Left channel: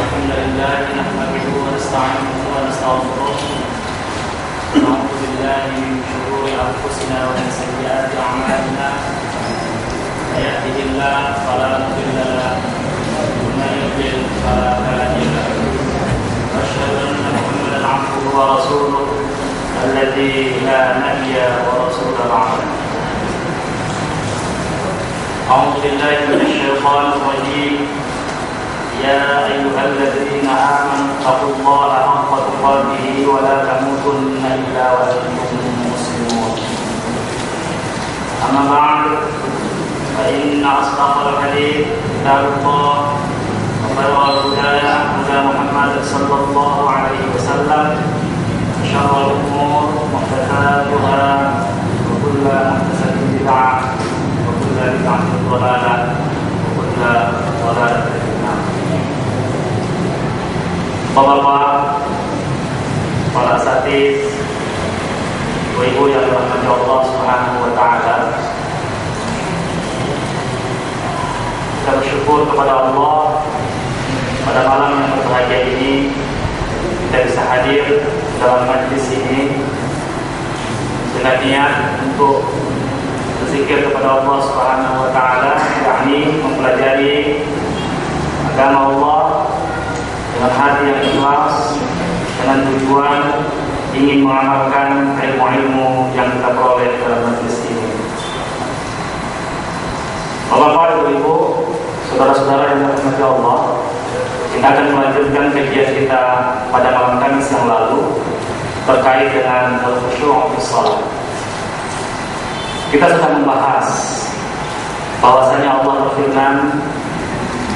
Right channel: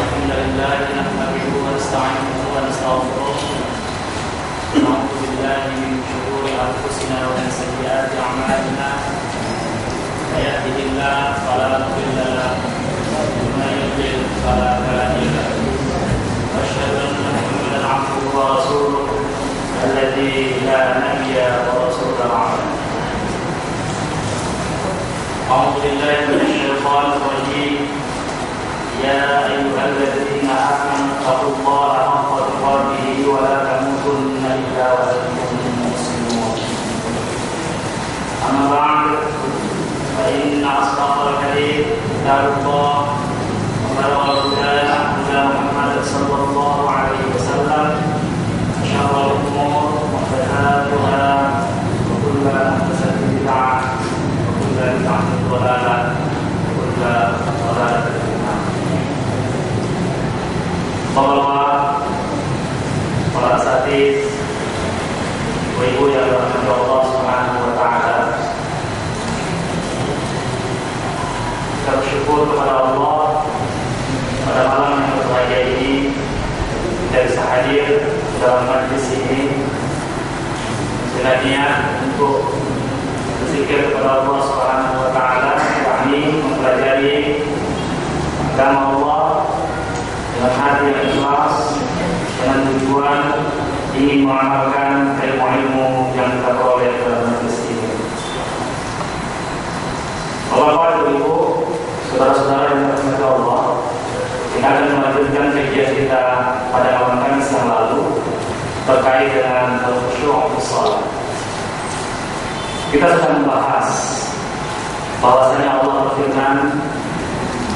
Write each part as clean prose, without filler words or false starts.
الحمد لله نحمده ونستعينه ونستغفره ونعوذ بالله من شرور أنفسنا ومن سيئات أعمالنا من يهده الله فلا مضل له ومن يضلل فلا هادي له وأشهد أن محمدا عبده ورسوله الذي لا نبي ورسول بعده. أعوذ بالله من الشيطان الرجيم. يا أيها الذين آمنوا اتقوا الله حق تقاته ولا تموتن إلا وأنتم مسلمون. أما بعد فإن أصدق الحديث كتاب الله وخير الهدى هدى محمد صلى الله عليه وسلم وشر الأمور محدثاتها وكل محدثة بدعة وكل بدعة ضلالة وكل ضلالة في النار. Bapak-bapak, para asatidz, ibu-ibu yang dirahmati Allah Subhanahu wa taala. Kita bersyukur kepada Allah pada malam yang berbahagia ini kita bisa hadir dalam majlis ini dengan niat untuk berzikir kepada Allah Subhanahu wa taala, yakni mempelajari agama Allah dengan hati yang ikhlas, dengan tujuan ingin mengamalkan ilmu-ilmu yang kita peroleh dalam majlis ini. Bapak, Ibu, saudara-saudara yang dirahmati Allah, kita akan melanjutkan kajian kita pada malam Kamis yang lalu terkait dengan al-khusyu' fi shalah. Kita sudah membahas bahwasanya Allah berfirman,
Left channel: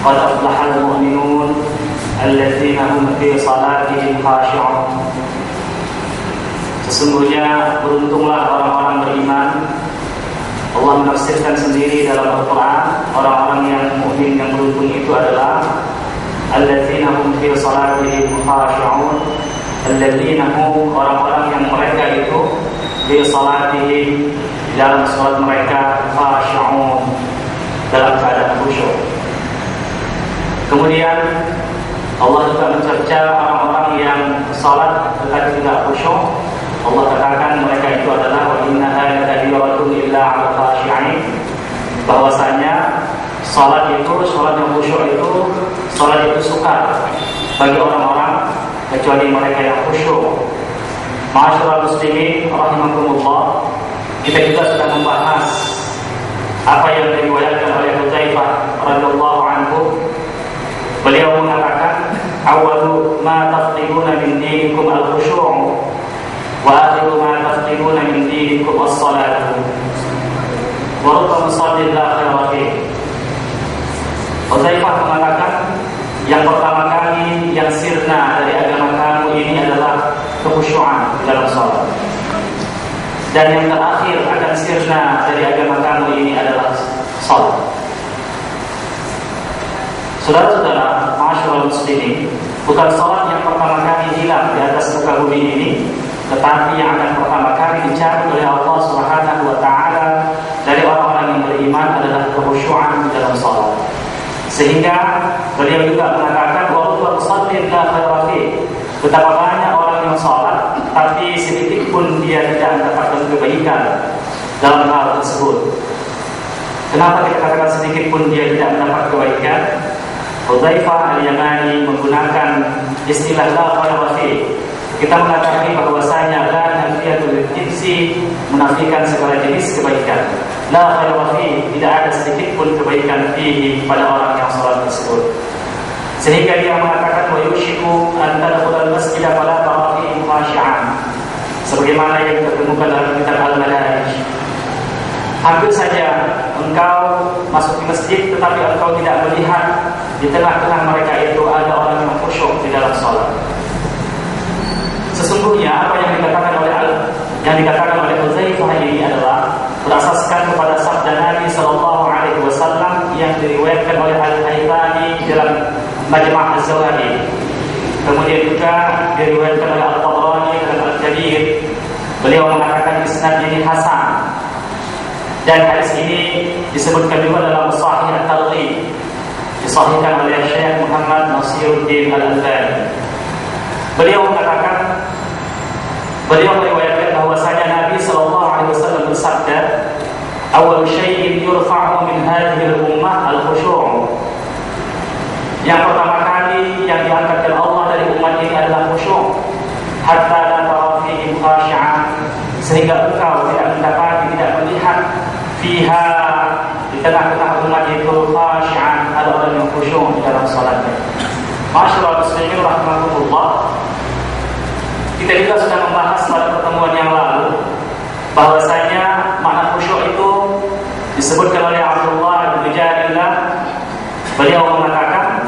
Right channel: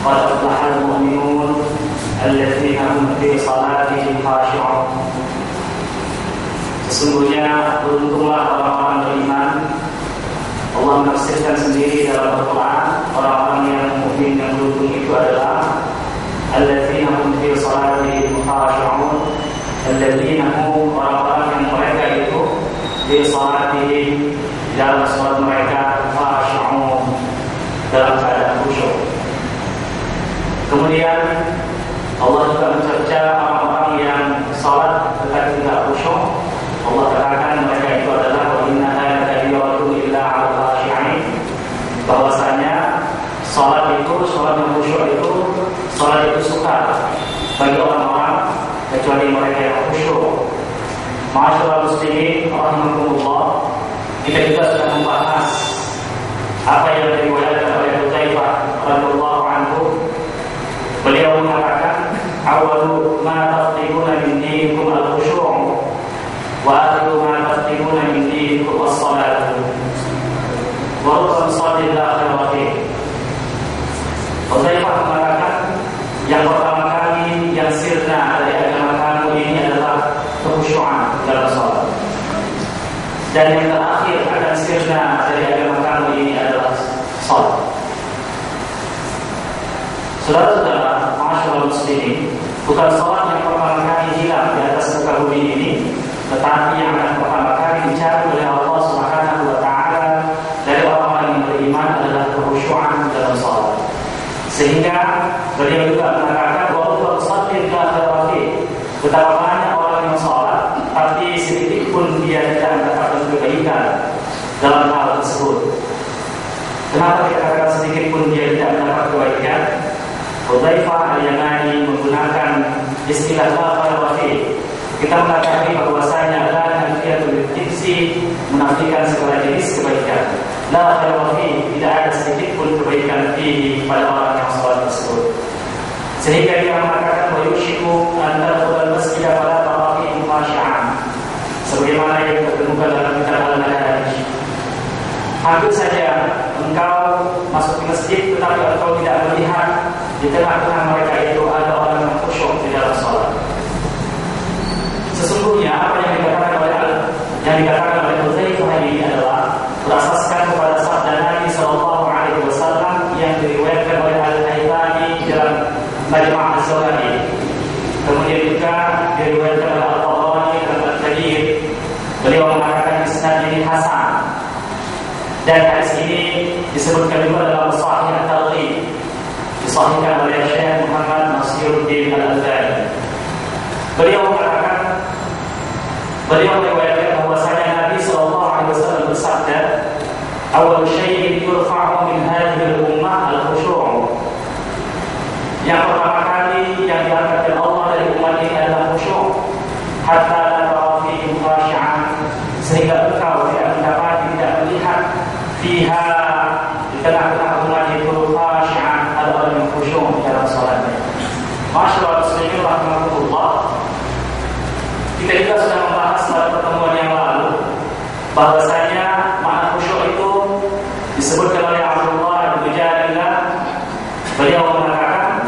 qad aflahal mu'minun alladzina hum fi salatihim khashi'un. Sesungguhnya beruntunglah orang-orang beriman. Allah menafsirkan sendiri dalam Al-Quran, orang-orang yang mukmin yang beruntung itu adalah alladzina hum fi salatihim khashi'un. Alladzina hum, orang-orang yang mereka itu fi salatihim, dalam salat mereka khashi'un, dalam keadaan khusyuk. Kemudian Allah juga mencerca orang-orang yang salat tetapi tidak khusyuk. Allah katakan mereka itu adalah wa innaha lakabiratun illa 'alal khashi'in, bahwasanya salat yang khusyuk itu, salat itu sukar bagi orang-orang kecuali mereka yang khusyuk. Ma'asyiral muslimin rahimakumullah, kita juga sudah membahas apa yang diriwayatkan oleh Hudzaifah radhiyallahu anhu. Beliau mengatakan, awwalu ma tafqiduna min dinikum al-khusyu' wa akhiru ma tafqiduna min dinikum as-salat wa rubbama musallin la khayra fihi. Hudzaifah mengatakan, yang pertama kali yang sirna dari agama kamu ini adalah kekhusyuan dalam salat, dan yang terakhir akan sirna dari agama kamu ini adalah salat. Saudara-saudara, ma'asyiral muslimin, bukan salat yang pertama kali hilang di atas muka bumi ini, tetapi yang akan pertama kali dicari oleh Allah Subhanahu wa taala dari orang-orang yang beriman adalah kekhusyuan dalam salat. Sehingga beliau juga mengatakan wa musallin la khayra fihi, betapa banyak orang yang salat tapi sedikit pun dia tidak mendapatkan kebaikan dalam hal tersebut. Kenapa kita katakan sedikit pun dia tidak mendapat kebaikan? Hudzaifah al-Yamani menggunakan istilah la khayra fihi. Kita mengatakan bahwasanya la nafiyatul jinsi, menafikan segala jenis kebaikan. La khayra fihi, tidak ada sedikit pun kebaikan fihi pada orang yang salat tersebut. Sehingga dia mengatakan wa yushiku an tadkhulal masjid fala tara fihi khashi'an, sebagaimana yang ditemukan dalam kitab Al-Madarij. Hampir saja engkau masuk ke masjid tetapi engkau tidak melihat di tengah-tengah mereka itu ada orang yang khusyuk di dalam salat. Sesungguhnya apa yang dikatakan oleh Hudzaifah ini adalah berasaskan kepada sabda Nabi sallallahu alaihi wasallam yang diriwayatkan oleh Al-Haythami dalam Majma' Az-Zawaid. Kemudian juga diriwayatkan oleh Al-Tabrani dalam Al-Kabir. Beliau mengatakan isnad ini hasan. Dan hadis ini disebutkan juga dalam Sahih At-Targhib. disahihkan oleh Syekh Muhammad Nasiruddin Al-Albani. Beliau meriwayatkan bahwasanya Nabi sallallahu alaihi wasallam bersabda, "Awwal syai'in yurfa'u min hadhihi al-ummah al-khusyu'." Yang pertama kali yang diangkat oleh Allah dari umat ini adalah khusyuk, hatta la tara fihi khashi'an, sehingga engkau tidak melihat fiha, di tengah-tengah umat itu, khashi'an, ada orang yang khusyuk dalam salatnya. Masyaallah muslimin rahimakumullah. Kita juga sudah membahas pada pertemuan yang lalu bahwasanya makna khusyuk itu disebutkan oleh Abdullah bin Jadillah. Beliau mengatakan,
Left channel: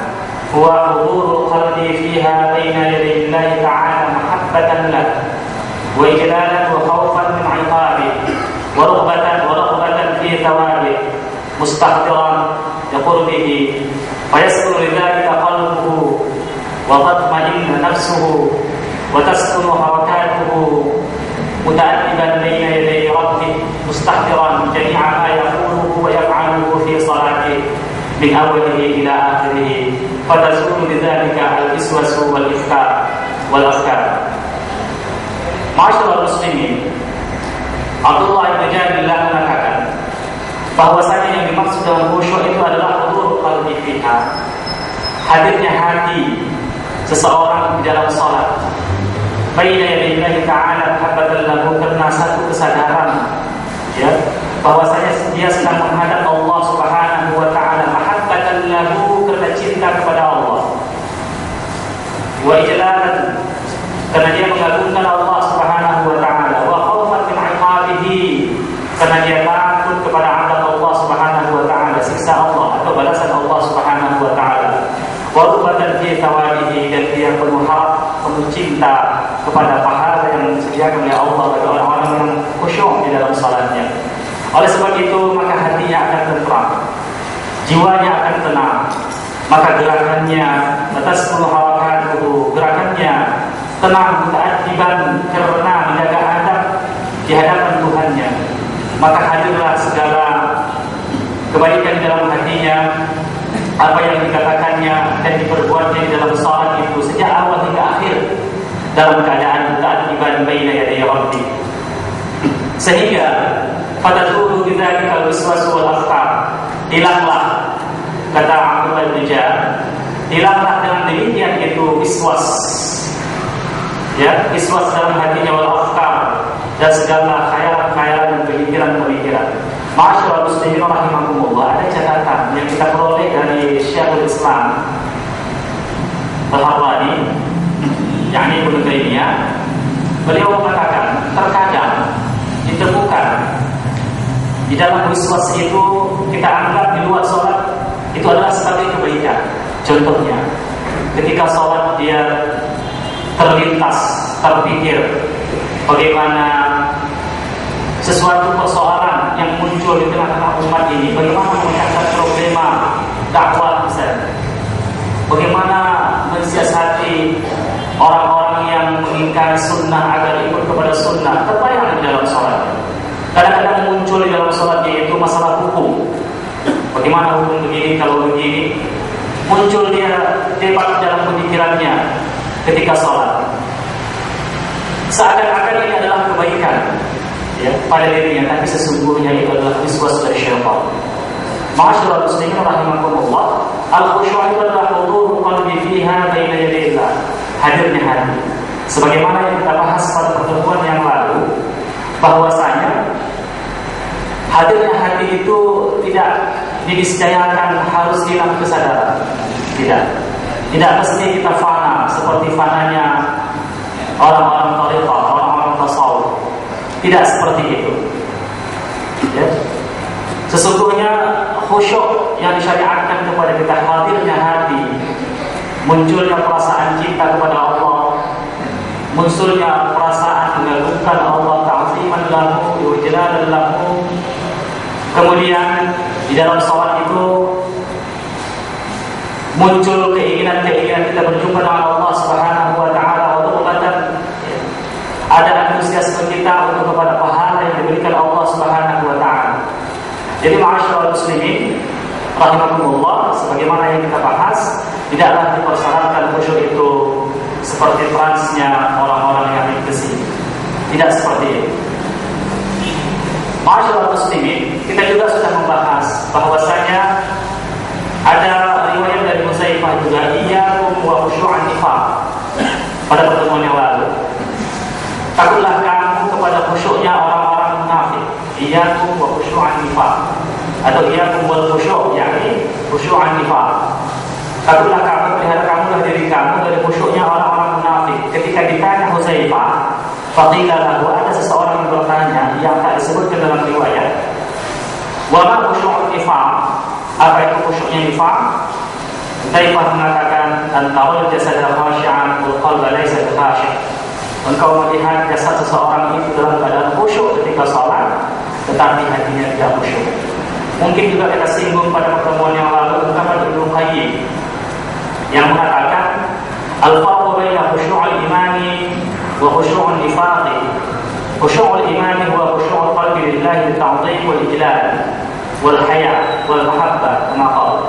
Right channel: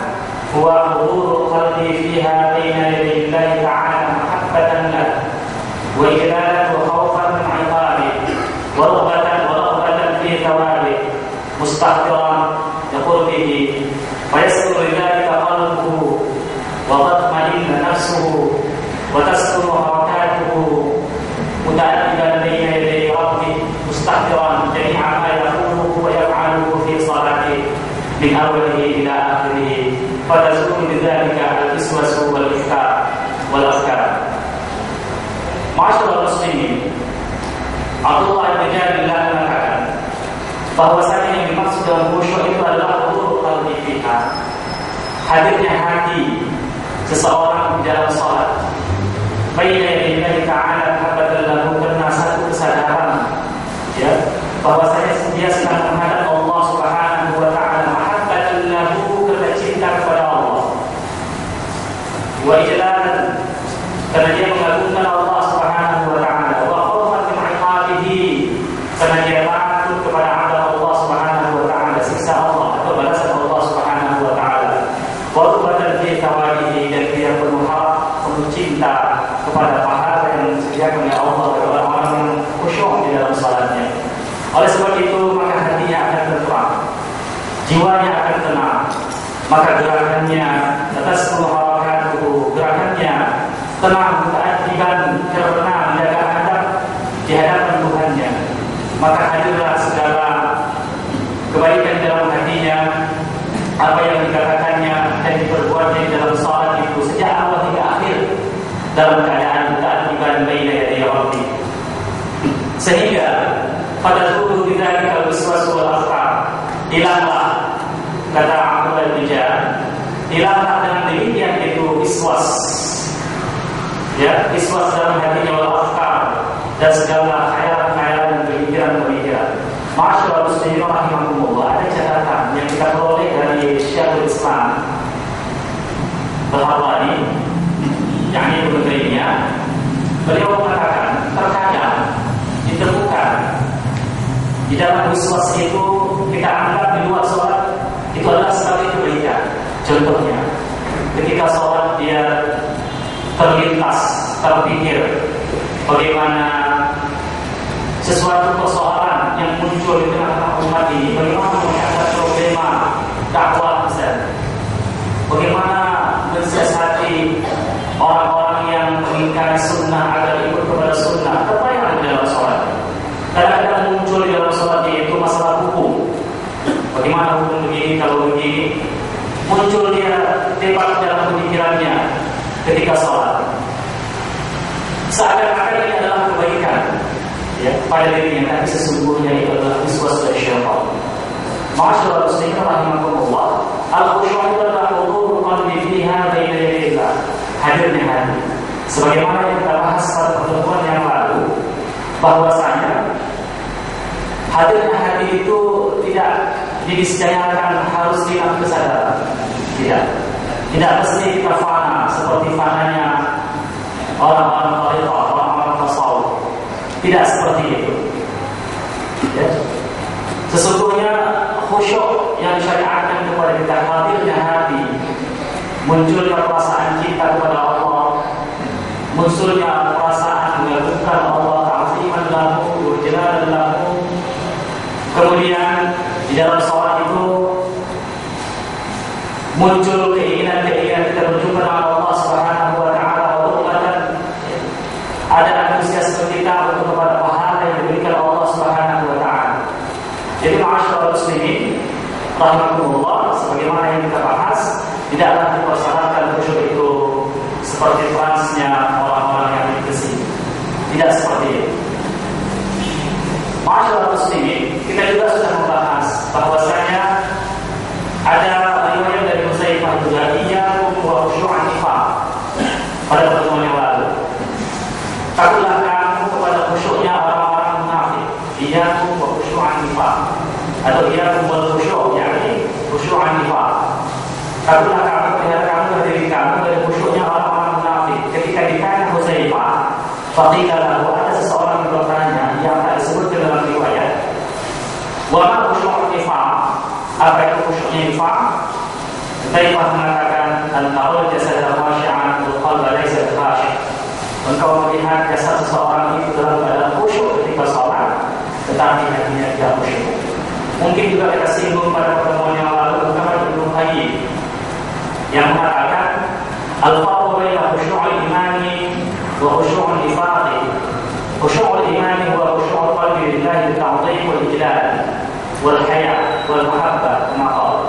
huwa hudurul qalbi fiha baina yaday Allah ta'ala mahabbatan lahu wa ijlalan wa khawfan min 'iqabi wa raghbatan fi thawabi mustahdiran liqurbihi fa yasulu lidzalika qalbuhu wa tatma'innu nafsuhu wa taskunu harakatuhu muta'addiban baina yaday rabbih mustahdiran jami'a ma yaquluhu wa yaf'aluhu fi salatihi min awwalihi ila akhirih fatazulu bidzalika al-iswasu wal ifkar wal afkar. Ma'asyiral muslimin, Abdullah bin Jadillah mengatakan bahwasanya yang dimaksud dengan khusyuk itu adalah hudurul qalbi fiha, hadirnya hati seseorang di dalam salat, baina yadillahi ta'ala mahabbatan lahu, karena satu kesadaran ya bahwasanya dia sedang menghadap Allah Subhanahu wa taala, mahabbatan lahu, karena cinta kepada Allah, wa ijlalan, karena dia mengagungkan Allah Subhanahu wa taala, wa khawfan min 'iqabihi, karena dia takut kepada azab Allah Subhanahu wa taala, siksa Allah atau balasan Allah Subhanahu wa taala, wa raghbatan fi thawabihi, dan dia penuh harap, penuh cinta kepada pahala yang disediakan oleh Allah bagi orang-orang yang khusyuk di dalam salatnya. Oleh sebab itu, maka hatinya akan tentram, jiwanya akan tenang, maka gerakannya atas harakatuhu, gerakannya tenang, muta'addiban, karena menjaga adab di hadapan Tuhannya, maka hadirlah segala kebaikan dalam hatinya. Apa yang dikatakannya dan diperbuatnya di dalam salat itu sejak awal hingga akhir dalam keadaan muta'addiban baina yaday rabbih, sehingga fatazulu bidzalika al-waswas wal afkar, hilanglah, kata Abdullah bin Jadillah, hilanglah dengan demikian itu iswas, ya, iswas dalam hatinya, wal afkar, dan segala khayalan-khayalan dan pemikiran-pemikiran. Masyaallah muslimin rahimakumullah, ada catatan yang kita peroleh dari Syekhul Islam Al-Harwani, yakni Ibnu Taimiyah. Beliau mengatakan terkadang ditemukan di dalam wiswas itu kita anggap di luar sholat itu adalah sebagai kebaikan. Contohnya, ketika sholat dia terlintas, terpikir bagaimana sesuatu persoalan yang muncul di tengah-tengah umat ini, bagaimana mengangkat problema dakwah misalnya, bagaimana mensiasati orang-orang yang mengingkari sunnah agar ikut kepada sunnah, terbayang di dalam sholat. Kadang-kadang muncul di dalam sholat itu masalah hukum, bagaimana hukum begini, kalau begini, muncul dia debat dalam pemikirannya ketika sholat, seakan-akan ini adalah kebaikan ya pada dirinya, tapi sesungguhnya itu adalah wiswas dari syaitan. Masyaallah muslimin rahimakumullah, al-khusyuk itu adalah hudurul qalbi fiha baina yaday Allah, hadirnya hati, sebagaimana yang kita bahas pada pertemuan yang lalu, bahwasanya hadirnya hati itu tidak diniscayakan harus hilang kesadaran, tidak mesti kita fana seperti fananya orang-orang tariqah, orang-orang tasawuf. Tidak seperti itu ya. Sesungguhnya khusyuk yang disyariatkan kepada kita, hadirnya hati, munculnya perasaan cinta kepada Allah, munculnya perasaan mengagungkan Allah, ta'ziman lahu wa jalalan lahu. Kemudian di dalam salat itu muncul keinginan kita berjumpa dengan Allah Subhanahu wa taala, ada antusiasme kita untuk kepada pahala yang diberikan Allah Subhanahu wa taala. Jadi ma'asyiral muslimin rahimakumullah, sebagaimana yang kita seperti transnya orang-orang yang besi. Tidak seperti itu. Ma'asyiral muslimin, kita juga sudah membahas bahwasanya ada riwayat dari Huzaifah juga, iyyakum wa khushu'an nifaq, pada pertemuan yang lalu. Takutlah kamu kepada khusyuknya orang-orang munafik. Iyyakum wa khushu'an nifaq, atau iyyakum wal khusyu', yakni khushu'an nifaq. Takutlah kamu, pelihara kamu dari diri kamu dari khusyuknya orang-orang munafik. Ketika ditanya Huzaifah, faqila lahu, ada seseorang yang bertanya yang tak disebutkan dalam riwayat, wa ma khushu'un nifaq, apa itu khusyuknya nifaq? Huzaifah mengatakan, antarul jasad khashi'an wal qalba laysa khashi'an. Engkau melihat jasad seseorang itu dalam keadaan khusyuk ketika salat, tetapi hatinya tidak khusyuk. Mungkin juga kita singgung pada pertemuan yang lalu tentang Ibnu Qayyim yang mengatakan al-farqu baina khusyu'il imani wa khusyu'un nifaqi. Khusyu'ul imani huwa khusyu'ul qalbi lillahi bi-ta'dhim wal ijlal wal haya wal mahabbah, kama qala.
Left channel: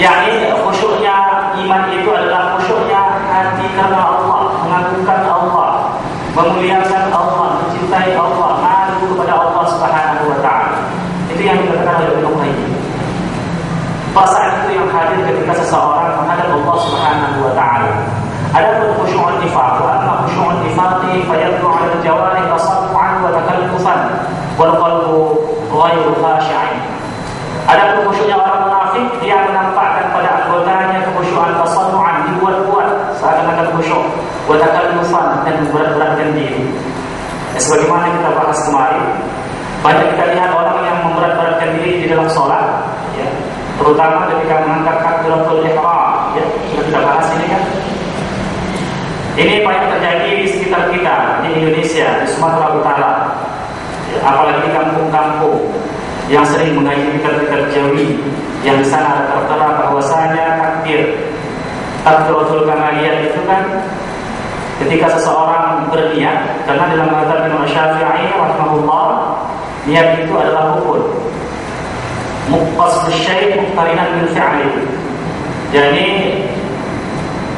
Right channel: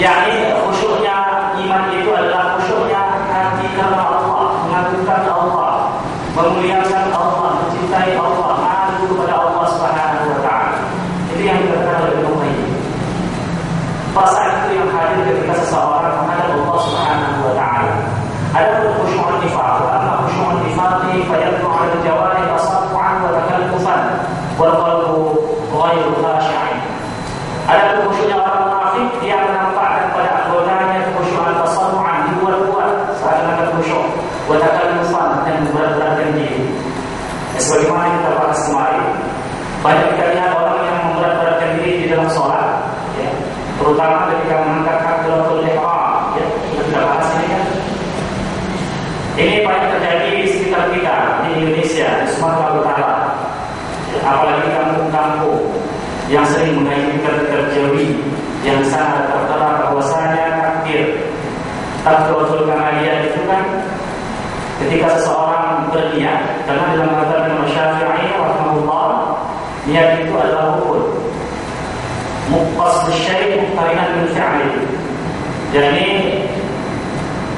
Yani khusyuknya iman itu adalah khusyuknya hati karena Allah, mengagungkan Allah, memuliakan Allah, mencintai Allah, malu kepada Allah Subhanahu wa taala. Itu yang dikatakan oleh Ibnu Qayyim. Perasaan itu yang hadir ketika seseorang menghadap Allah Subhanahu wa taala. Adapun khusyu'un nifaq, amma khusyu'un nifaqi fayadlu 'ala al-jawarih tasaffu'an wa takallufan wal qalbu ghairu khashi'in. Adapun khusyuknya orang munafik, dia menampakkan pada anggotanya kekhusyuan tasannu'an, dibuat-buat seakan-akan khusyuk, wa takallufan, dan memberat-beratkan diri. Sebagaimana kita bahas kemarin, banyak kita lihat orang yang memberat-beratkan diri di dalam sholat, ya, terutama ketika mengangkat takbiratul ihram, ya, sudah kita bahas ini kan. Ini banyak terjadi di sekitar kita di Indonesia, di Sumatera Utara, ya, apalagi di kampung-kampung yang sering mengaji dekat-dekat Jawi, yang di sana tertera bahwasanya takbiratul kamaliyah itu kan ketika seseorang berniat, karena dalam mazhab Imam Syafi'i rahimahullah, niat itu adalah rukun. Muqtas bisyai' muqtarinan bil fi'li. Jadi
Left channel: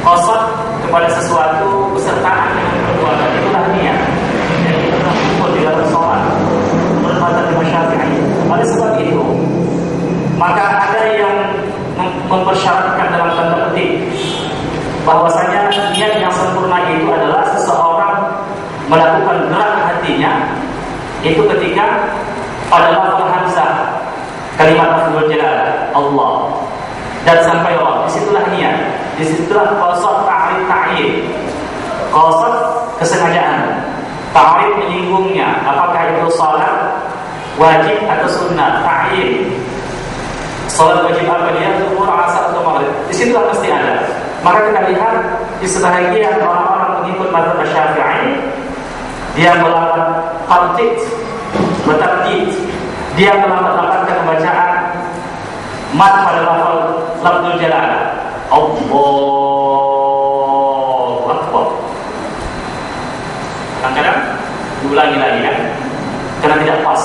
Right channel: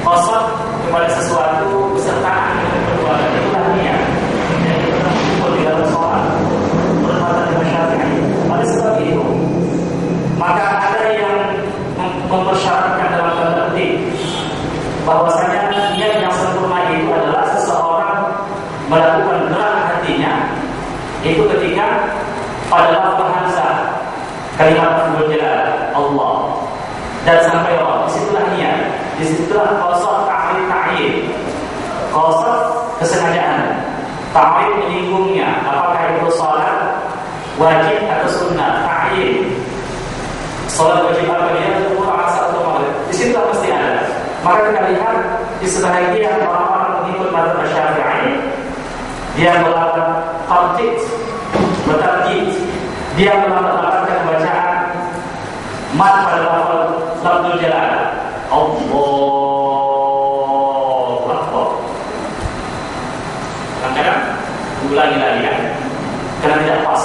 qasad kepada sesuatu besertaan dengan perbuatan, itulah niat. Jadi itu rukun di dalam sholat. Menurut mazhab Imam Syafi'i. Oleh sebab itu, maka ada yang mempersyaratkan dalam tanda petik bahwasanya niat yang sempurna itu adalah seseorang melakukan gerak hatinya itu ketika pada lafaz hamzah kalimat lafzul jalal Allah dan sampai Allah, disitulah niat, disitulah qasad ta'rif ta'yin, qasad kesengajaan, ta'rif menyinggungnya, apakah itu salat wajib atau sunnah, ta'yin, salat wajib apa dia, zuhur, asar atau maghrib, disitulah mesti ada. Maka kita lihat di sebahagian orang-orang pengikut mazhab Syafi'i, dia melakukan tartib, bertartib, dia melakukan pembacaan mat pada lafzul jalal, Allahu Akbar. Kadang-kadang diulangi lagi kan, karena tidak pas.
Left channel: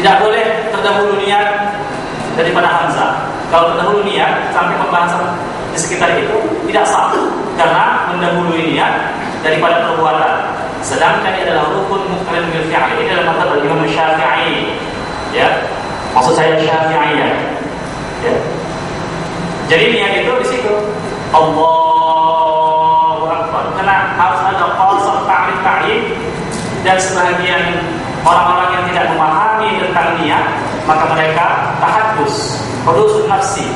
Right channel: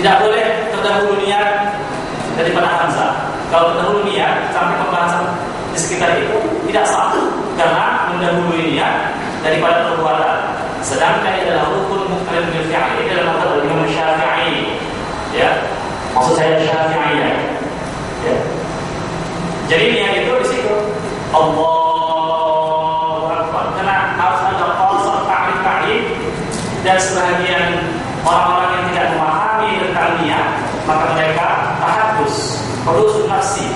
Tidak boleh terdahulu niat daripada hamzah. Kalau terdahulu niat sampai pembahasan di sekitar itu tidak sah, karena mendahului niat daripada perbuatan. Sedangkan ini adalah rukun muqtarin bil fi'l. Ini adalah mazhab Imam Syafi'i. Ya, maksud saya Syafi'iyah. Ya. Jadi niat itu di situ Allahu Akbar. Karena harus ada qasad ta'rif ta'yin, dan sebahagian orang-orang yang tidak memahami tentang niat, maka mereka tahaddus, hudusun nafsi,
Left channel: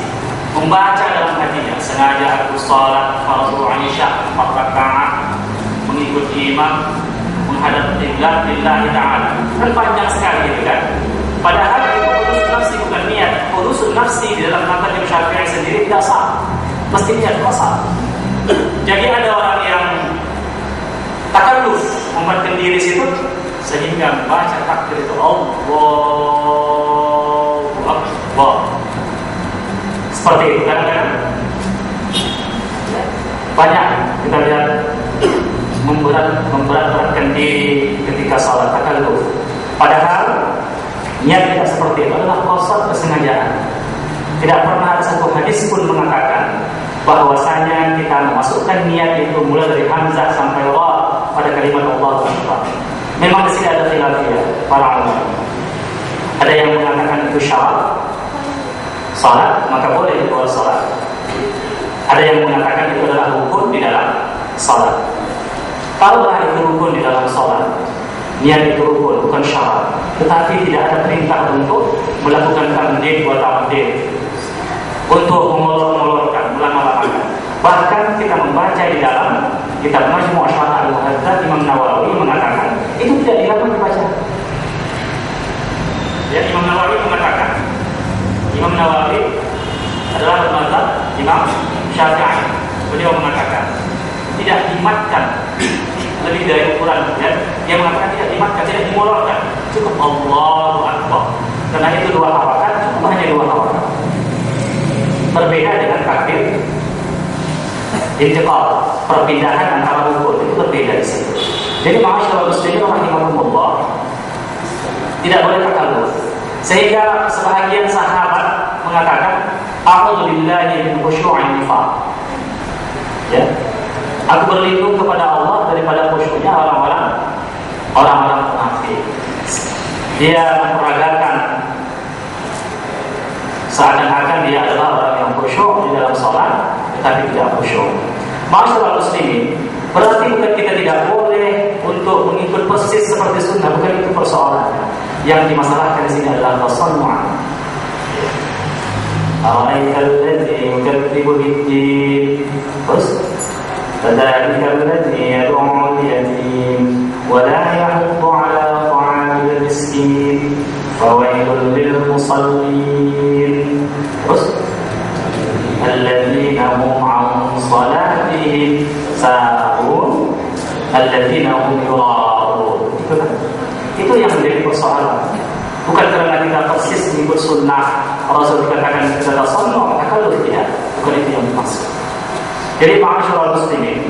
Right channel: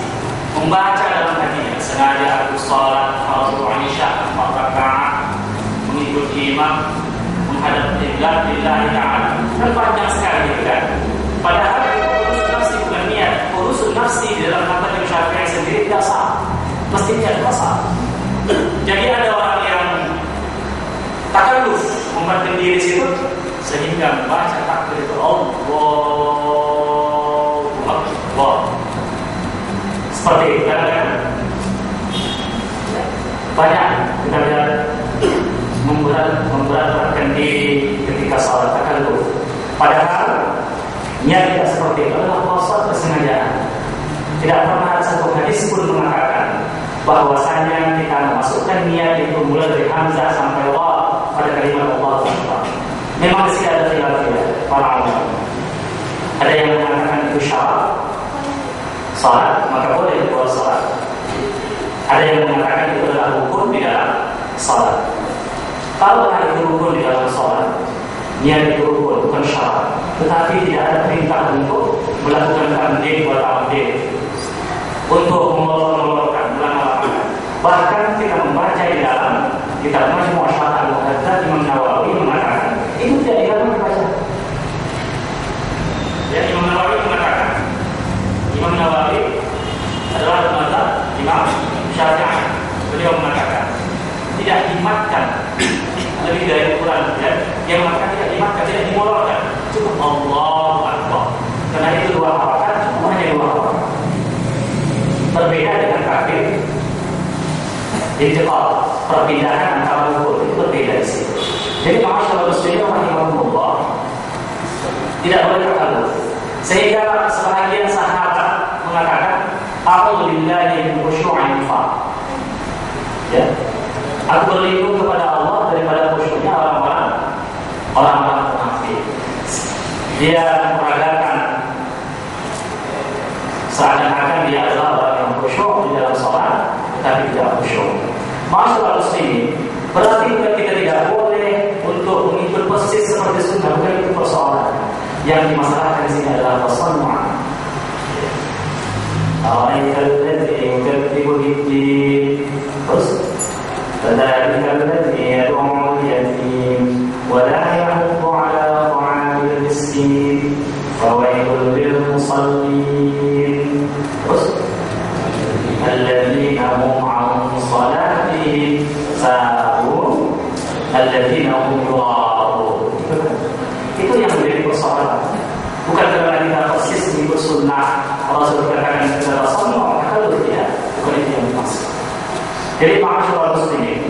membaca dalam hatinya, sengaja aku salat fardu Aisyah 4 rakaat mengikut imam menghadap qiblat lillahi ta'ala. Kan panjang sekali gitu kan. Padahal itu hudusun nafsi, bukan niat. Hudusun nafsi di dalam mazhab Imam Syafi'i sendiri tidak sah, mesti niat qasad. Jadi ada orang yang takalluf membuatkan diri situ sehingga membaca takbir itu Allahu Akbar. Seperti itu kan? Banyak kita lihat memberatkan diri ketika salat takalluf. Padahal niat tidak seperti itu, adalah qasad kesengajaan. Tidak pernah ada satu hadis pun mengatakan bahwasanya kita membacakan niat itu mulai dari hamzah sampai ra pada kalimat Allahu Akbar. Memang di sini ada khilafiyah para ulama. Ada yang mengatakan itu syarat salat, maka boleh buat salat. Ada yang mengatakan itu adalah rukun di dalam salat. Kalau itu rukun di dalam salat, niat itu rukun, bukan syarat. Tetapi tidak ada perintah untuk melakukan tamdid wa ta'did, untuk mengulur-ulurkan, ulang-ulangkan. Bahkan kita membaca di dalam kitab Majmu' Syarah Al-Muhadzab, Imam Nawawi mengatakan itu tidak dilarang dibaca. Ya, Imam Nawawi mengatakan, Imam Nawawi adalah mazhab Imam Syafi'i. Beliau mengatakan tidak dimatkan lebih dari ukuran, ya. Dia mengatakan tidak dimatkan, tidak dimolorkan, cukup Allahu Akbar. Karena itu dua harakat, cukup hanya dua harakat. Berbeda dengan takbir intiqal, perpindahan antara rukun, itu berbeda di situ. Jadi ma'asyiral muslimin rahimakumullah, tidak boleh takalluf. Sehingga sebahagian sahabat mengatakan, a'udzu billahi min khusyu'in nifaq. Ya. Aku berlindung kepada Allah daripada khusyuknya orang-orang munafik. Dia memperagakan seakan-akan dia adalah orang yang khusyuk di dalam salat, tetapi tidak khusyuk. Ma'asyiral muslimin, berarti bukan kita tidak boleh untuk mengikut persis seperti sunnah, bukan itu persoalan. Yang dimasalahkan di sini adalah tasannu'an. Araikal ladzi yukadzibu bid-din. Terus fadzalika alladzi yad'u al-yatim wa la yahuddu 'ala ta'amil miskin fawailul lil musallin. Terus alladzina hum 'an salatihim sahun alladzina hum yura'un. Itu yang menjadi persoalan. Bukan karena kita persis mengikut sunnah Rasul dikatakan kita tasannu', maka kalau tidak, bukan itu yang dimaksud. Jadi ma'asyiral muslimin,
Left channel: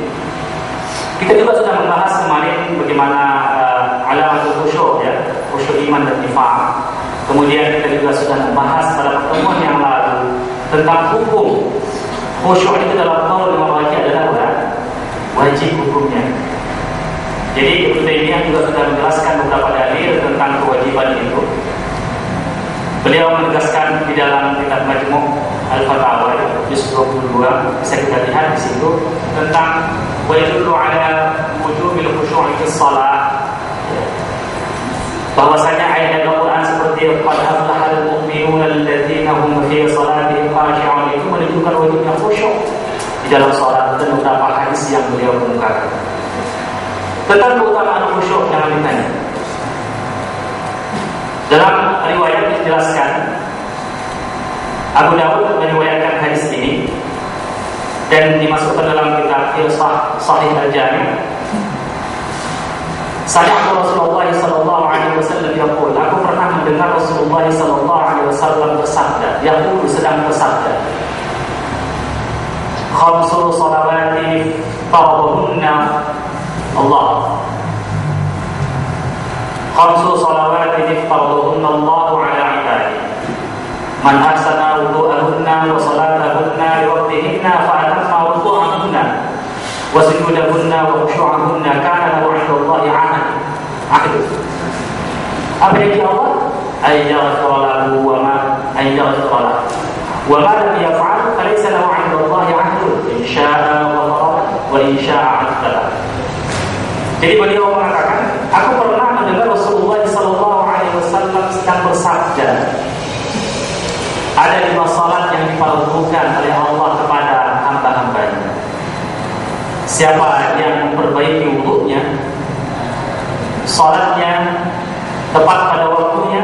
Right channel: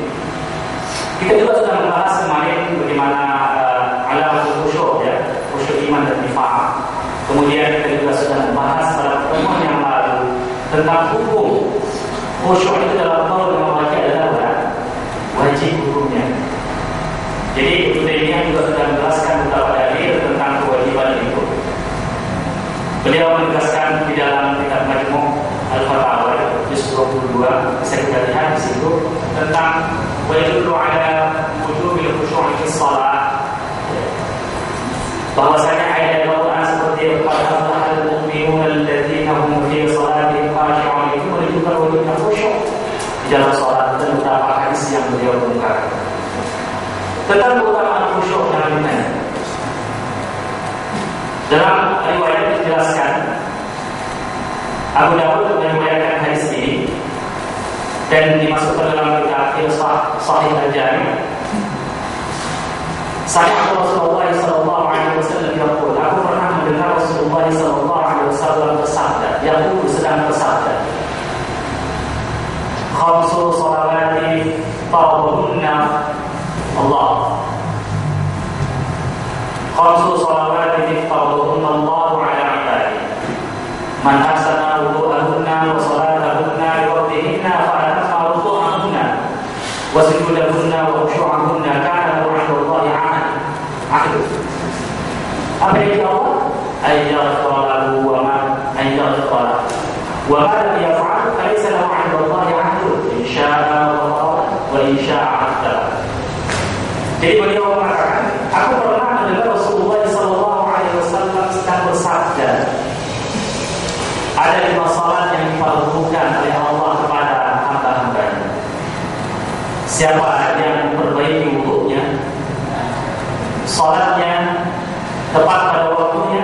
kita juga sudah membahas kemarin bagaimana alamatul khusyuk, ya, khusyuk iman dan nifaq. Kemudian kita juga sudah membahas pada pertemuan yang lalu tentang hukum khusyuk itu dalam qaul yang wajib adalah wajib hukumnya. Jadi Ibnu Taimiyah juga sudah menjelaskan beberapa dalil tentang kewajiban itu. Beliau menegaskan di dalam kitab Majmu' Al-Fatawa juz 22, bisa kita lihat di situ tentang wa yadullu ala wujubil khusyu'i fi shalah. Bahwasanya ayat Al-Qur'an seperti qad aflahal mu'minuna alladzina hum fi shalatihim khashi'un itu menunjukkan wajibnya khusyuk di dalam salat, dan beberapa hadis yang beliau kemukakan. Tentang keutamaan khusyuk jangan ditanya. Dalam riwayat dijelaskan, Abu Dawud meriwayatkan hadis ini dan dimasukkan dalam kitab Sahih Al-Jami'. Sami'tu Rasulullah sallallahu alaihi wasallam yaqul, aku pernah mendengar Rasulullah sallallahu alaihi wasallam bersabda, yaqul sedang bersabda, khamsu salawati fardhuhunna Allah. Khamsu salawatin fardhuhunna Allah ala ibadihi. Man ahsana wudu'ahunna wa salatahunna li waqtihinna fa atamma wudu'ahunna wa sujudahunna wa khushu'ahunna kana lahu 'inda Allahi 'ahd. Apa yang Allah? Ay yaghfir lahu wa ma ay yaghfir lahu. Wa ma lam yaf'al falaysa lahu 'inda Allahi 'ahd. In syaa'a ghafara wa in syaa'a 'adzaba. Jadi beliau mengatakan, aku pernah mendengar Rasulullah SAW sedang bersabda, ada 5 salat yang difardukan oleh Allah kepada hamba-hambanya. Siapa yang memperbaiki wudunya, salatnya tepat pada waktunya,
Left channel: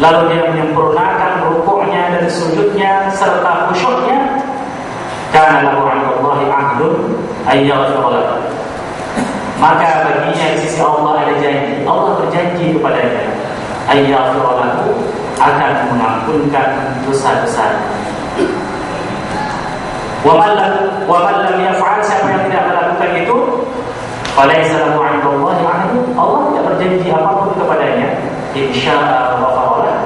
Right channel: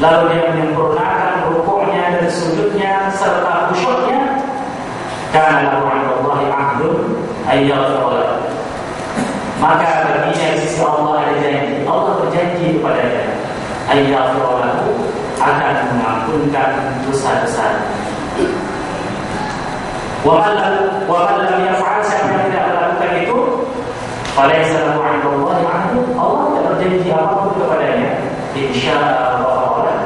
lalu dia menyempurnakan rukuknya dan sujudnya serta khusyuknya, kana lahu 'inda Allahi 'ahdun ay yaghfir lahu. Maka baginya di sisi Allah ada janji. Allah berjanji kepadanya, ayyaghfir lahu, akan mengampunkan dosa-dosa. Wa man lam yaf'al, siapa yang tidak melakukan itu, falaysa lahu 'inda Allahi 'ahdun, Allah tidak berjanji apapun kepadanya. In syaa'a ghafara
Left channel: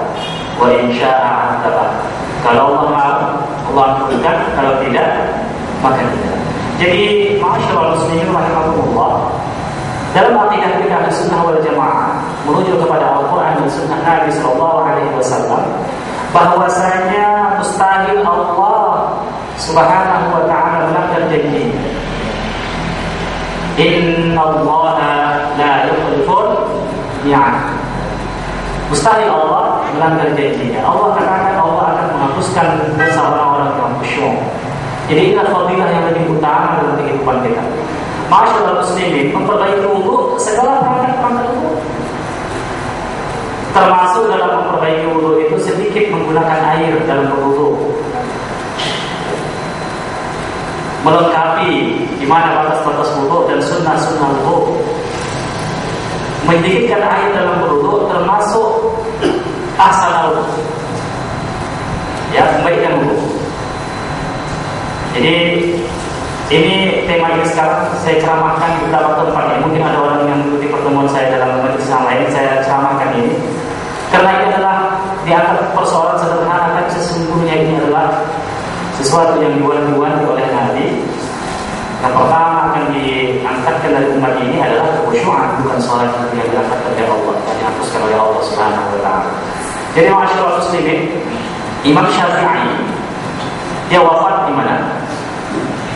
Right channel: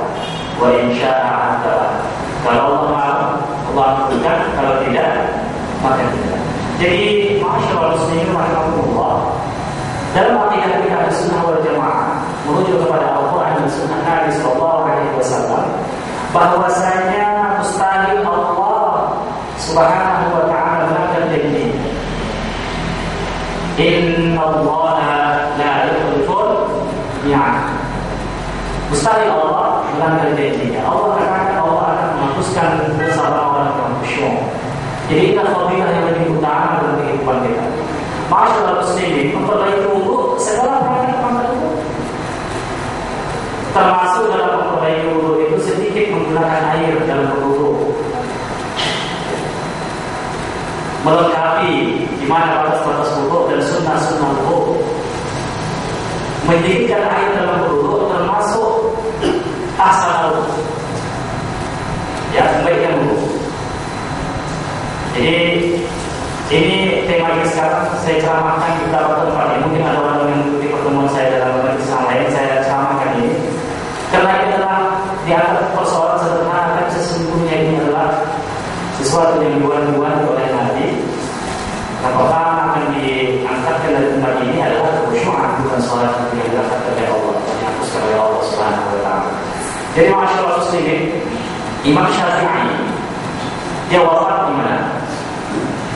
wa in syaa'a 'adzaba. Kalau Allah mau, Allah ampunkan, kalau tidak, maka tidak. Jadi ma'asyiral muslimin rahimakumullah, dalam akidah kita Sunnah wal Jamaah merujuk kepada Al-Quran dan Sunnah Nabi Sallallahu Alaihi Wasallam, bahwasanya mustahil Allah Subhanahu wa Ta'ala melanggar janji. Inna Allah la yukhliful mi'ad. Mustahil Allah melanggar janjinya. Allah katakan Allah akan menghapuskan dosa orang-orang yang khusyuk. Jadi inilah fadilah yang lebih utama dalam kehidupan kita. Ma'asyiral muslimin, memperbaiki wudu segala perangkat wudu. Termasuk dalam memperbaiki wudu itu sedikit menggunakan air dalam berwudu. Melengkapi di mana batas-batas wudu dan sunnah-sunnah wudu. Mendidihkan air dalam berwudu termasuk asal wudu. Ya, kebaikan wudu. Jadi ini tema ini sekarang saya ceramahkan di beberapa tempat. Mungkin ada orang yang mengikuti pertemuan saya dalam majelis yang lain. Saya ceramahkan ini karena ini adalah dianggap persoalan sederhana, tapi sesungguhnya ini adalah sesuatu yang diwanti-wanti oleh Nabi. Yang pertama akan diangkatkan dari umat ini adalah kekhusyuan, bukan sholat yang diangkatkan oleh Allah, yang dihapuskan oleh Allah Subhanahu wa Ta'ala. Jadi ma'asyiral muslimin, Imam Syafi'i dia wafat di mana?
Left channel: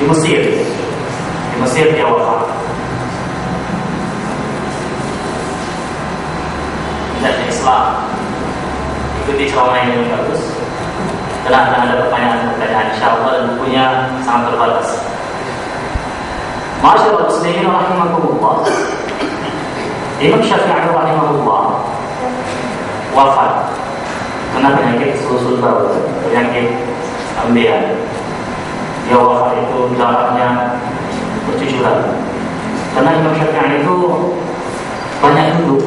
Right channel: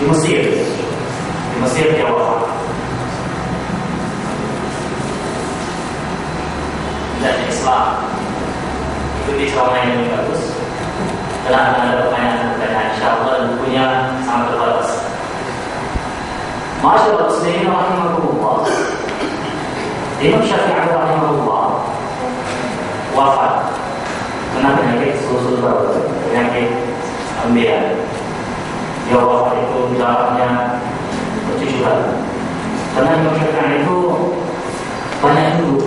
Di Mesir. Di Mesir dia wafat. Dan Islam itu di ceramah yang bagus. Telah ada pertanyaan insyaallah, dan bukunya sangat terbatas. Ma'asyiral muslimin rahimakumullah, Imam Syafi'i rahimahullah wafat karena penyakit sulsul baul, penyakit ambeien. Dia wafat itu jaraknya bercucuran. Karena Imam Syafi'i itu banyak duduk.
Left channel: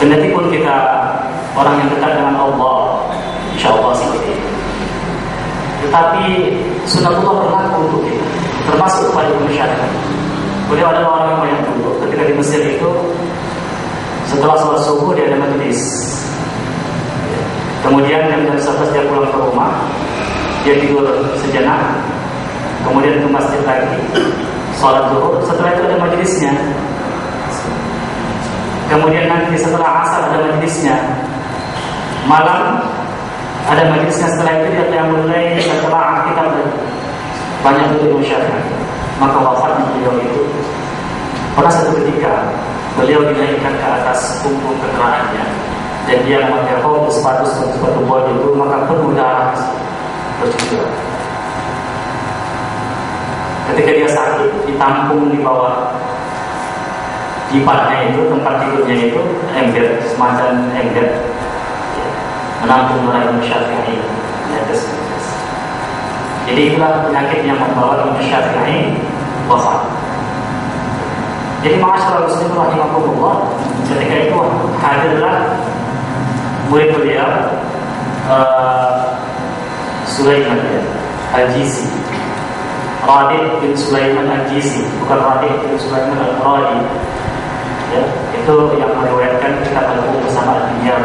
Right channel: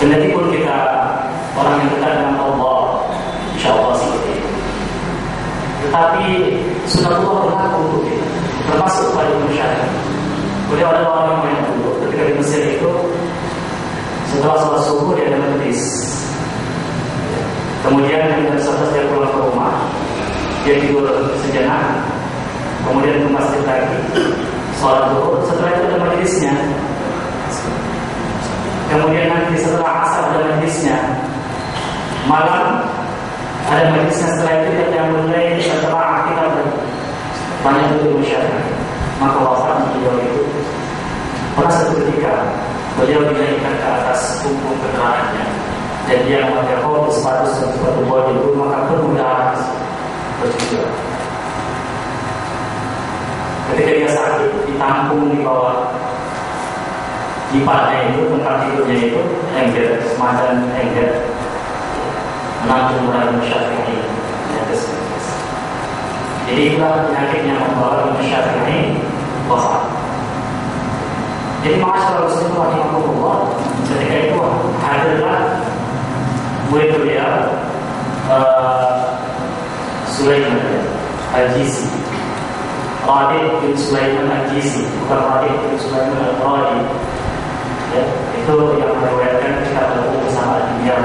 Kendati pun kita orang yang dekat dengan Allah, insya Allah seperti itu. Tetapi sunatullah berlaku untuk kita, termasuk pada Imam Syafi'i. Beliau adalah orang yang banyak duduk. Ketika di Mesir itu, setelah sholat subuh dia ada majlis. Kemudian jam 11 dia pulang ke rumah. Dia tidur sejenak, kemudian ke masjid lagi, sholat zuhur. Setelah itu ada majlisnya. Kemudian nanti setelah asar ada majlisnya. Malam ada majlisnya. Setelah itu dia mulai setelah kita banyak duduk Syafi'i. Maka wafatnya beliau itu pernah satu ketika beliau dinaikkan ke atas punggung kendaraannya, dan dia memakai rok, sepatu bodi itu, maka penuh darah bercucuran. Ketika dia sakit, ditampung di bawah jipatnya itu, tempat tidurnya itu ember, semacam ember, menampung darah Imam Syafi'i. Jadi itulah penyakit yang membawa Imam Syafi'i wafat. Jadi ma'asyiral muslimin rahimakumullah, ketika itu hadirlah murid beliau Sulaiman Al-Jizi, Radih bin Sulaiman Al-Jizi, bukan Radih bin Sulaiman Al-Radih. Ya, itu yang meriwayatkan kitab Al-Bukhari bersama Al-Biyar.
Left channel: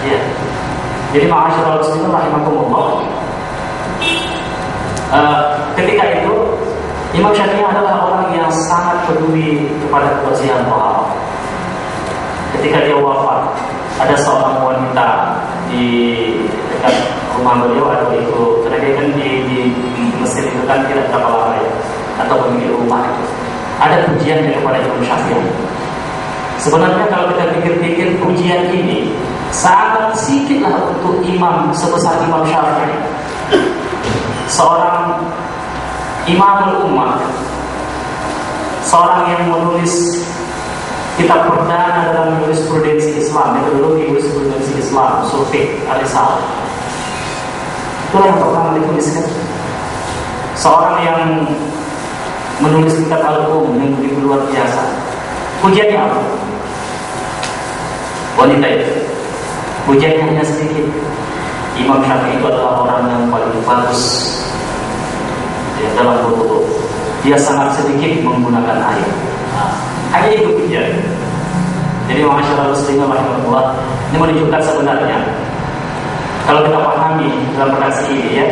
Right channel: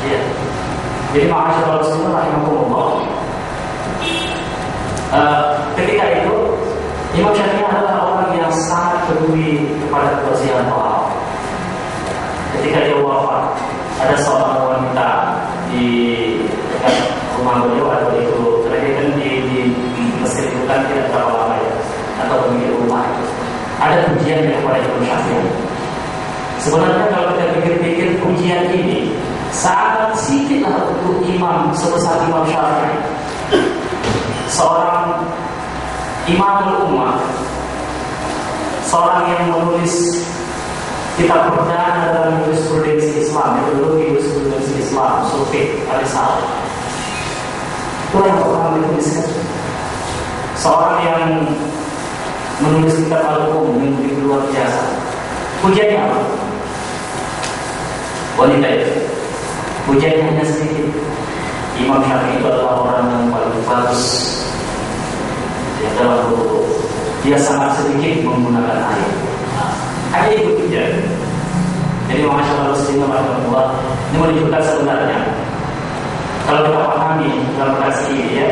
Ya. Jadi ma'asyiral muslimin rahimakumullah, ketika itu Imam Syafi'i adalah orang yang sangat peduli kepada kebersihan tohara. Ketika dia wafat, ada seorang wanita di dekat rumah beliau, atau itu terjadi kan di Mesir itu kan tidak berapa lama ya, atau pemilik rumah itu ada pujiannya kepada Imam Syafi'i. Sebenarnya kalau kita pikir-pikir, pujian ini sangat sedikitlah untuk imam sebesar Imam Syafi'i, seorang imamul ummah, seorang yang menulis kitab perdana dalam jurisprudensi Islam, metodologi jurisprudensi Islam, usul fiqh al-Risalah. Itulah yang pertama dituliskan. Seorang yang menulis kitab al-um yang begitu luar biasa. Pujiannya apa? Wanita itu. Pujiannya hanya sedikit. Imam Syafi'i itu adalah orang yang paling bagus dalam wudu. Dia sangat sedikit menggunakan air. Hanya itu pujian. Jadi ma'asyiral muslimin rahimahullah, ini menunjukkan sebenarnya kalau kita pahami dalam redaksi ini ya,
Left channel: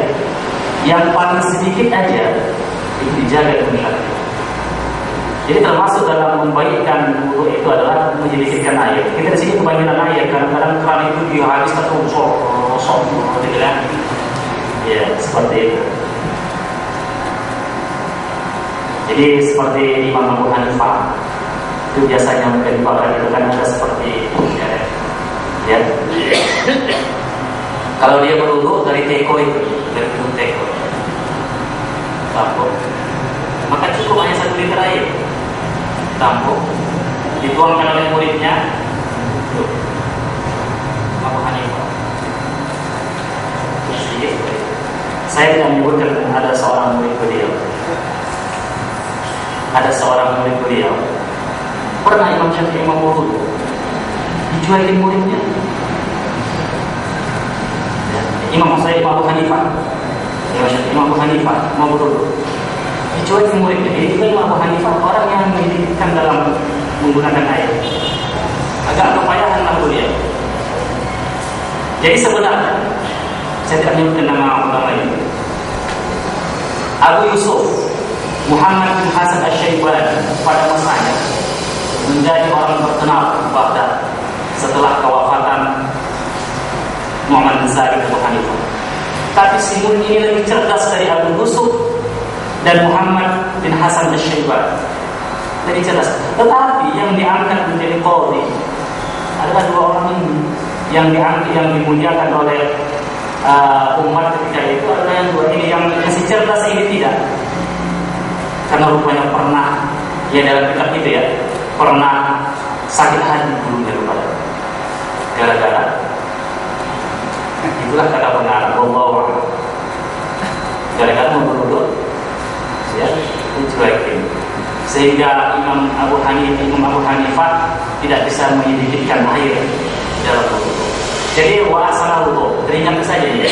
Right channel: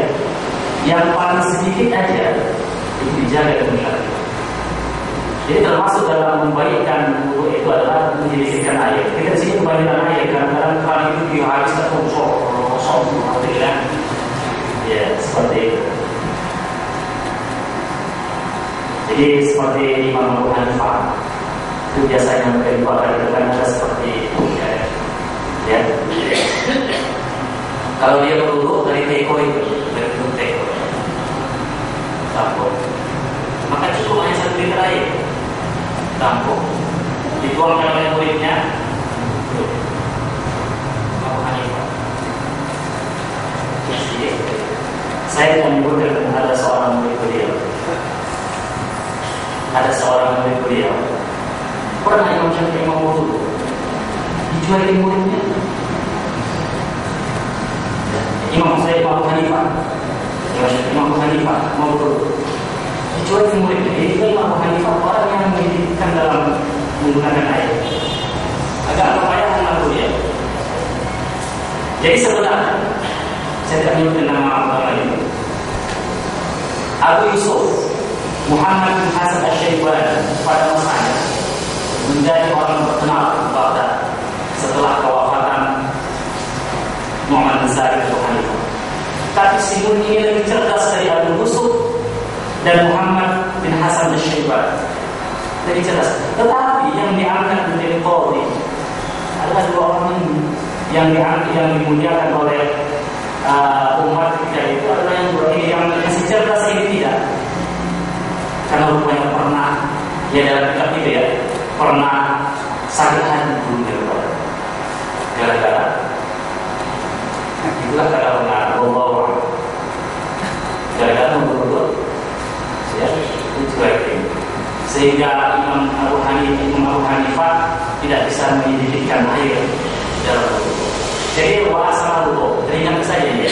yang paling sedikit aja itu dijaga dengan. Jadi termasuk dalam membaikkan wudu itu adalah menyedikitkan air. Kita di sini kebanyakan air, kadang-kadang keran itu dia habis atau kosong, gitu kan? Ya seperti itu. Jadi seperti Imam Abu Hanifah itu biasanya mereka dipakai itu kan ada seperti itu, ya. Kalau dia berwudu dari teko itu, dari teko, tampuk, maka cukup hanya 1 liter air. Tampuk, dituangkan oleh muridnya. Abu Hanifah. Saya tidak menyebutkan ada seorang murid beliau. Ada seorang murid beliau. Pernah Imam Syafi'i mau wudu, dijualin muridnya. Imam Abu Hanifah. Imam Abu Hanifah mau wudu, dijualin muridnya. Jadi Imam Abu Hanifah orang yang mendidikkan dalam menggunakan air. Agak kepayahan lah beliau. Jadi sebenarnya saya tidak menyebutkan nama ulama ini. Abu Yusuf Muhammad bin Hasan Asy-Syaibani pada masanya menjadi orang terkenal di Baghdad setelah kewafatan Muhammad bin Sa'id Abu Hanifah. Tapi si murid ini lebih cerdas dari Abu Yusuf dan Muhammad bin Hasan Asy-Syaibani. Lebih cerdas. Tetapi yang diangkat menjadi qadhi adalah 2 orang ini yang dimuliakan oleh umat ketika itu adalah yang 2 ini. Yang si cerdas ini tidak, karena rupanya pernah dalam kitab itu pernah sakit hati dulu gara-gara itulah kata benar bahwa gara-gara membunuh dicuekin, sehingga Imam Abu Hanifah tidak bisa menyedikitkan air dalam wudu. Jadi wa'asana wudu, teringat saja ya.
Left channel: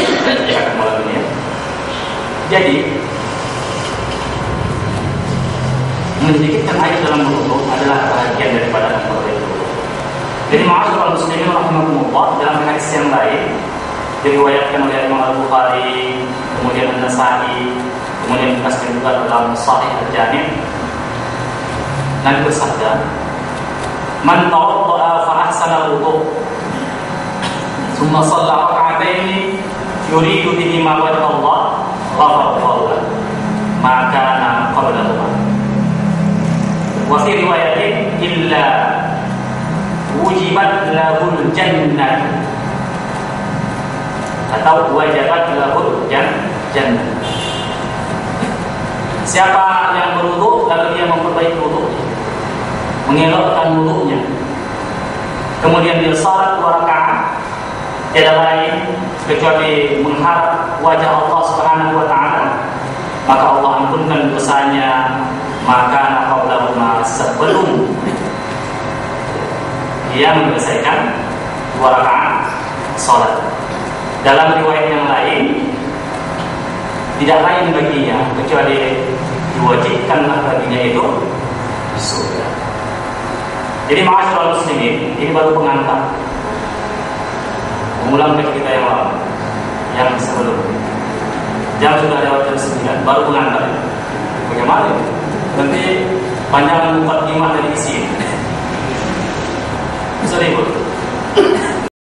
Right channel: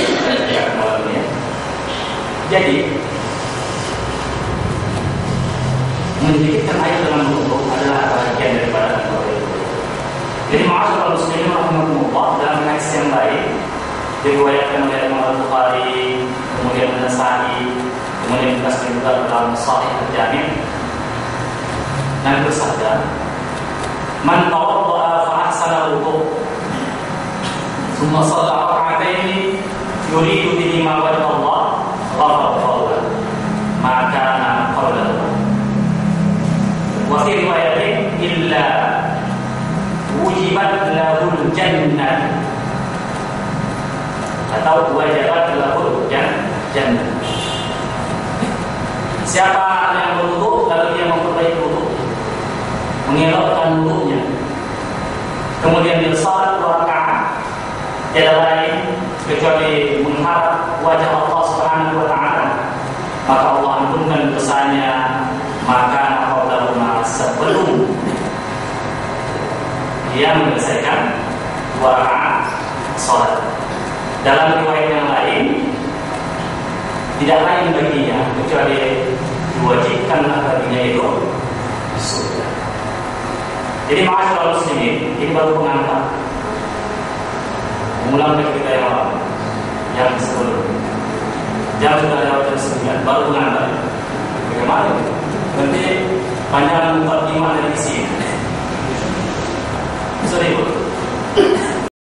Jadi menyedikitkan air dalam wudu adalah bagian daripada wudu. Jadi ma'asyiral muslimin rahimakumullah, dalam hadis yang lain diriwayatkan oleh Imam Al-Bukhari, kemudian An-Nasa'i, kemudian dikasih juga dalam Sahih Al-Jami', Nabi bersabda, "Man tawadda'a fa ahsana wudu, thumma shalla rak'ataini yuridu bihima wajha Allah, ghafara Allahu lahu ma kana qablahu." Wa fi riwayatin illa wujibat lahul jannah, atau wajabat lahul jannah. Siapa yang berwudu lalu dia memperbaiki wudu, mengelakkan wudunya, kemudian dia salat 2 rakaat, tidak lain kecuali mengharap wajah Allah Subhanahu wa taala, maka Allah ampunkan dosanya, maka qablahuma, sebelum dia menyelesaikan 2 rakaat salat. Dalam riwayat yang lain, tidak lain baginya kecuali diwajibkanlah baginya itu surga. Jadi ma'asyiral muslimin, ini baru pengantar. Mengulang kita yang lalu, yang sebelumnya. Jam sudah lewat jam 9, baru pengantar. Bagaimana? Nanti panjang 4